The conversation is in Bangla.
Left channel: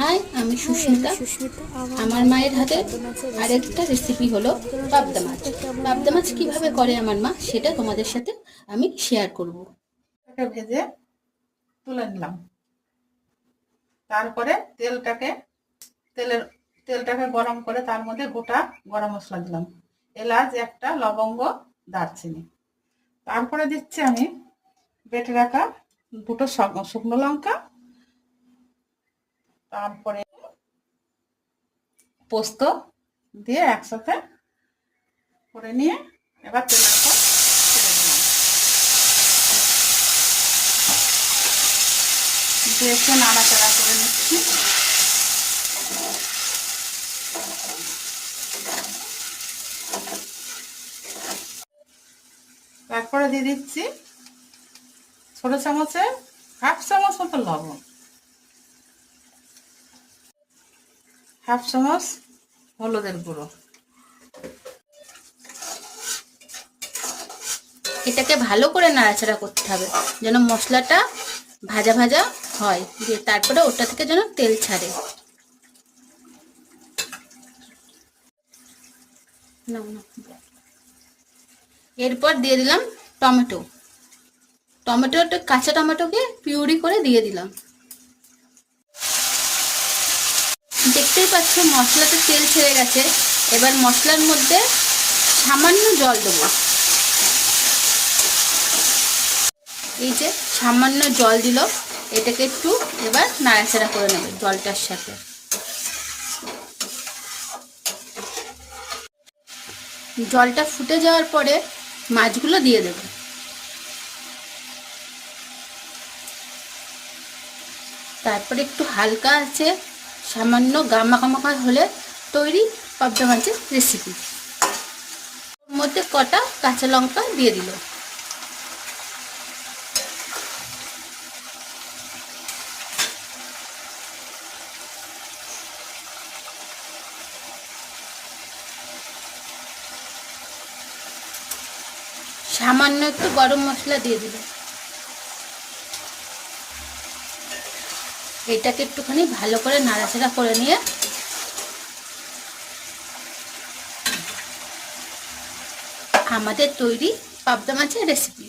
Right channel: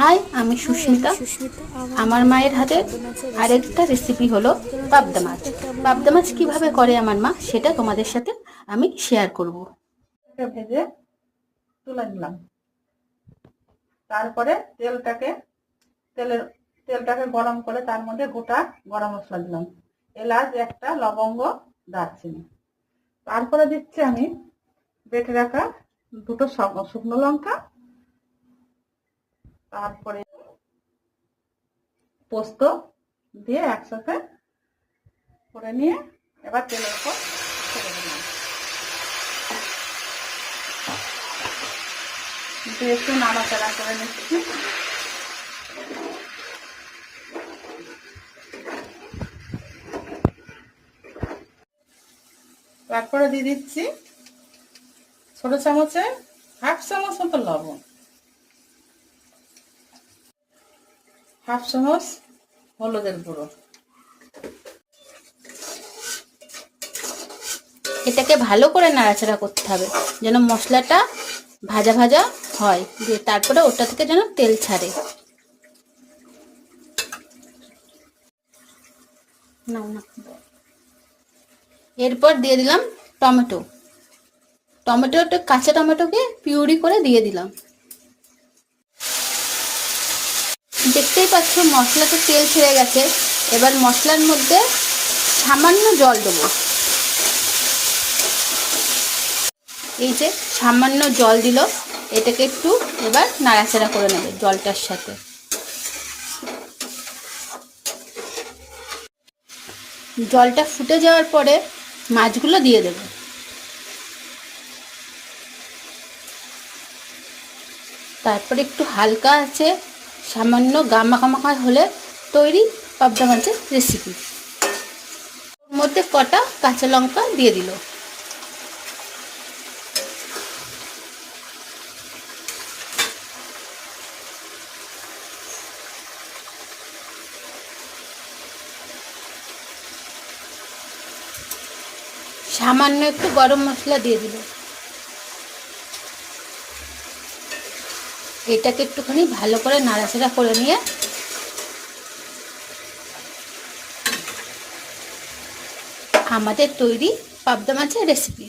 হাই, আমি সুস্মিতা। আমার মায়ের হাতের আরেকটা রেসিপি হলো পাবদা মাছ। পাবদা মাছ কীভাবে করে আমার মা, সেটা তোমাদের সাথে আমি শেয়ার করব। ভেজে তুলে নিলাম। তারপরে তেলটাকে গরম করে তার মধ্যে গোটা গরম মশলা দিলাম, এলাচ একটা, লবঙ্গ, দারচিনি। তারপরে দিচ্ছি আমি বেটে রাখা দুটো শুকনো লঙ্কা, তারপরে পোস্ত দিয়ে একসাথে করে নিয়ে এবার তেলের পর ছেড়ে দিলাম। দিয়ে নাড়াচাড়া করে নিচ্ছি। তারপরে দিয়ে দিচ্ছি ছোট চামচে হাফ চামচ মতো লবণ, হাফ চামচ হলুদের গুঁড়ো। এটাকে ভালো করে নাড়াচাড়া করতে হবে যেন মশলাটা ভাজা ভাজা হয়, দিয়ে তারপরে ওটা থেকে যেন তেল ছাড়ে। এরপর দিয়ে দিলাম টমেটোটা, কাঁচা টমেটোকে পিউরি করে দিয়ে দিলাম। দেখতেই পাচ্ছ মশলাতে তেল ছেড়ে গেছে। এবার মশলার মধ্যে সামান্য জল দেবো। এই যে সামান্য জল দিল, এটাকে একটু এবার নাড়াচাড়া করে নেবে জলটার সাথে। জলটা ফুটে যাওয়ার পরে মাছগুলো দিয়ে দেবে। তারপরে একটু হালকা আছে সামান্য গামাখা হলে তৈরি পাবদা মাছের রেসিপি। ওর মধ্যে কটা কাঁচা লঙ্কা দিয়ে দিল। সামান্য একটু গরম মশলা দিয়ে দিল। এটাকে একটুখানি ভালো করে নাড়াচাড়া করে নিয়ে আমাদের তৈরি পাবদা মাছের রেসিপি।